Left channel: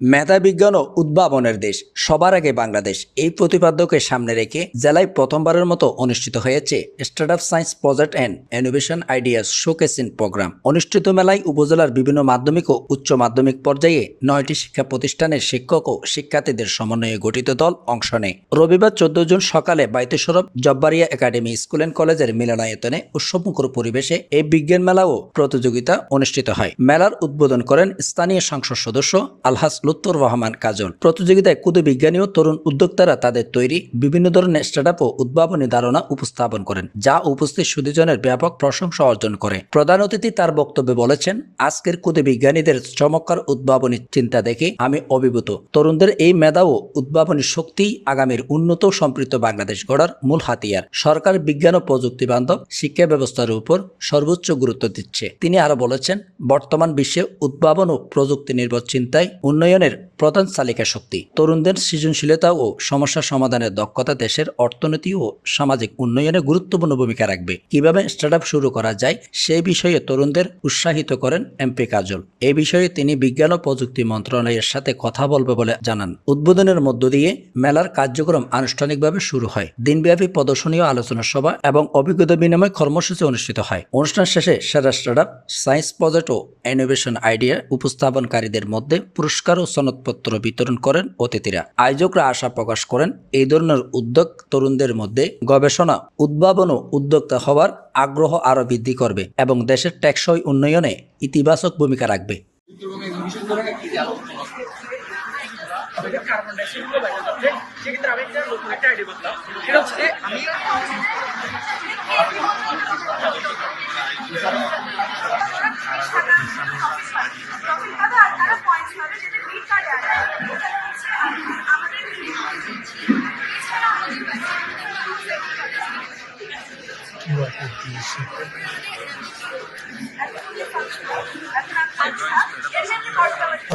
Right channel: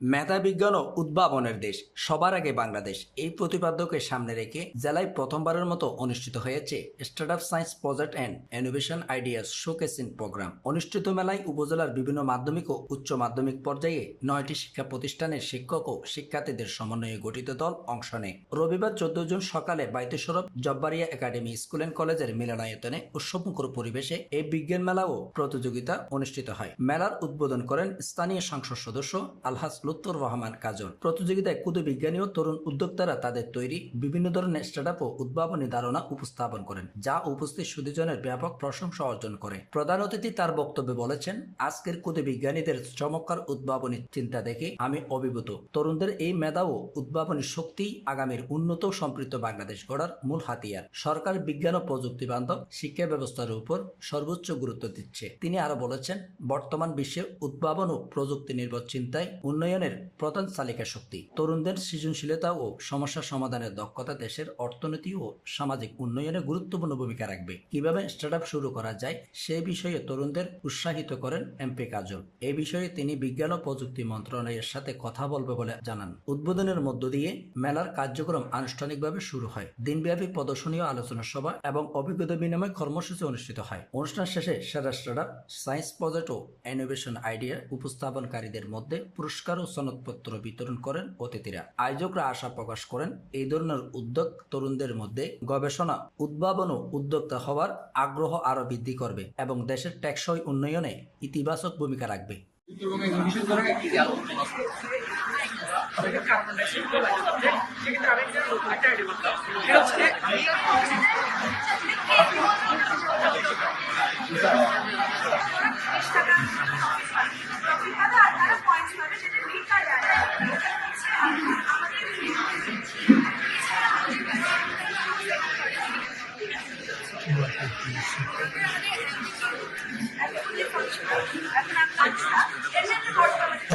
মেধা বিজ্ঞান ও উদ্ভাবনের দেশ, সবার আগে বাংলাদেশ, এই প্রতিপাদ্যকে সামনে রেখে জেলায় প্রথমবারের মতো অনুষ্ঠিত হয়েছে startup science project and innovation ideas showcasing program. অনুষ্ঠিত মেলায় উপজেলার বিভিন্ন মাধ্যমিক ও উচ্চ মাধ্যমিক পর্যায়ে 9টি শিক্ষা প্রতিষ্ঠানের শিক্ষক ও শিক্ষার্থীদের সমন্বয়ে গঠিত দল অংশ নেয়। রবিবার 14 জুন সকালে বাইতে সরব জব্বারিয়া একাডেমি স্কুল অ্যান্ড কলেজের মিলনায়তনে উৎসবমুখর পরিবেশে এই বিজ্ঞান মেলা ও প্রতিযোগিতা অনুষ্ঠিত হয়। মেলার উদ্বোধন করেন স্থানীয় সংসদ সদস্য আলহাজ লুৎফর রহমান কাজল। প্রতিযোগিতায় ক্ষুদে বিজ্ঞানী ও তরুণ উদ্যোক্তারা তাদের তৈরি বিভিন্ন ধরনের স্টার্টআপ ও উদ্ভাবনী ধারণা উপস্থাপন করেন, যা উপস্থিত সুধীজনের ব্যাপক প্রশংসা অর্জন করে। প্রধান অতিথি তার বক্তব্যে বলেছেন, আজকের ক্ষুদে বিজ্ঞানীদের চমৎকার উদ্ভাবনী চিন্তা দেখে আমি অভিভূত। তরুণদের এই মেধা ও উদ্ভাবনী শক্তি আগামীর উন্নত ও সম্পৃক্ত বাংলাদেশ গড়ার মূল হাতিয়ার। সরকার বিজ্ঞান ও প্রযুক্তি বান্ধব শিক্ষা ব্যবস্থার উপর সর্বোচ্চ গুরুত্ব দিচ্ছে। তিনি আরো বলেছেন, বর্তমান বিশ্বে উদ্ভাবন ও প্রযুক্তি নির্ভর চিন্তায় উন্নয়নের প্রধান চালিকা শক্তি। তরুণদের সৃজনশীলতা ও সমস্যা সমাধানের দক্ষতা দেশের অর্থনীতি ও সামাজিক উন্নয়নে গুরুত্বপূর্ণ ভূমিকা রাখবে। কিভাবে স্টার্টআপ শুরু করা যায় সেই বিষয়ে তরুণদের উৎসাহিত করেন এমপি কাজল। এই বিষয়ে তিনি বিজ্ঞান ও প্রযুক্তি মন্ত্রণালয়ের সাথে কথা বলবে বলে জানান। উদ্বোধনের মধ্য দিয়ে মেলার কার্যক্রম আনুষ্ঠানিকভাবে শুরু হয়। দিনব্যাপী প্রদর্শনী ও আলোচনা সভা এবং অভিজ্ঞতা বিনিময় কর্মসূচি অনুষ্ঠিত হয়। অনুষ্ঠান শেষে সেরা স্টার্টআপ, সায়েন্স প্রজেক্ট ও ইনোভেশন আইডিয়া উপস্থাপনকারীদের মধ্যে পুরস্কার ও সনদপত্র বিতরণ করেন অতিথিরা। আয়োজকরা আশা প্রকাশ করেন, এই ধরনের উদ্যোগ তরুণদের মধ্যে গবেষণা, উদ্ভাবন ও উদ্যোক্তা হওয়ার আগ্রহ আরও বৃদ্ধি করবে এবং দেশের টেকসই উন্নয়নে ইতিবাচক ভূমিকা রাখবে।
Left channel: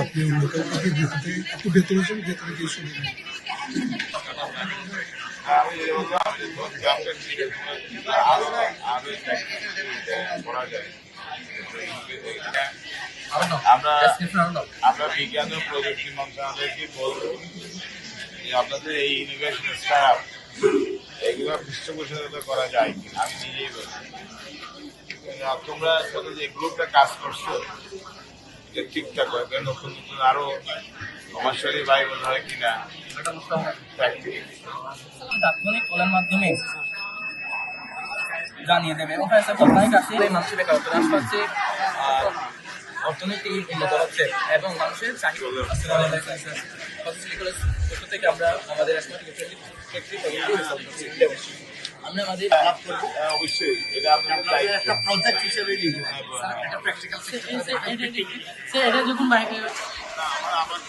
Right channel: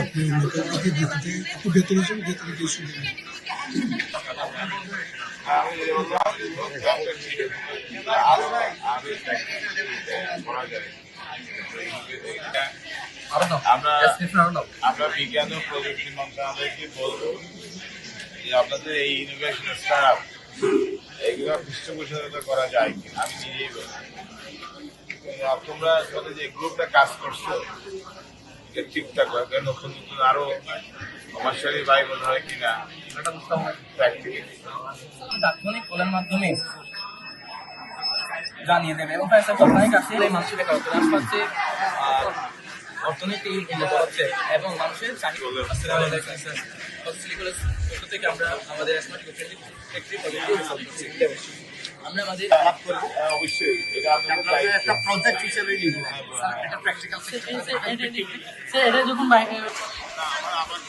আপনি ভেতরে এসে ভেতরে গিয়ে শুনে নেন। আমরা বিজ্ঞান ও প্রযুক্তি মন্ত্রণালয়কে বলবো যে আপনাদের এই ইনোভেশন স্টার্টআপ এইগুলো পৃষ্ঠপোষকতা করা যায় কিনা। আমি নিজেই বলছি, তোমরা সাথে যে গ্রুপটা কাজ করছো ঠিকঠাক হয়, নতুন নতুন আরো কমার্শিয়ালি ভাইবল হয় কিনা তাৎক্ষণিক কলের মাধ্যমে জানিয়ে দেবেন। অনেক আছে আশপাশে অর্থনীতি উন্নত হচ্ছে এবং মানুষের থেকে আমরা আমাদের আমরা মাঝে আলাপ করবো। অবশ্যই এটা আপনাদের একটা প্রজেক্ট হিসেবে নিব। এটা যখন আমার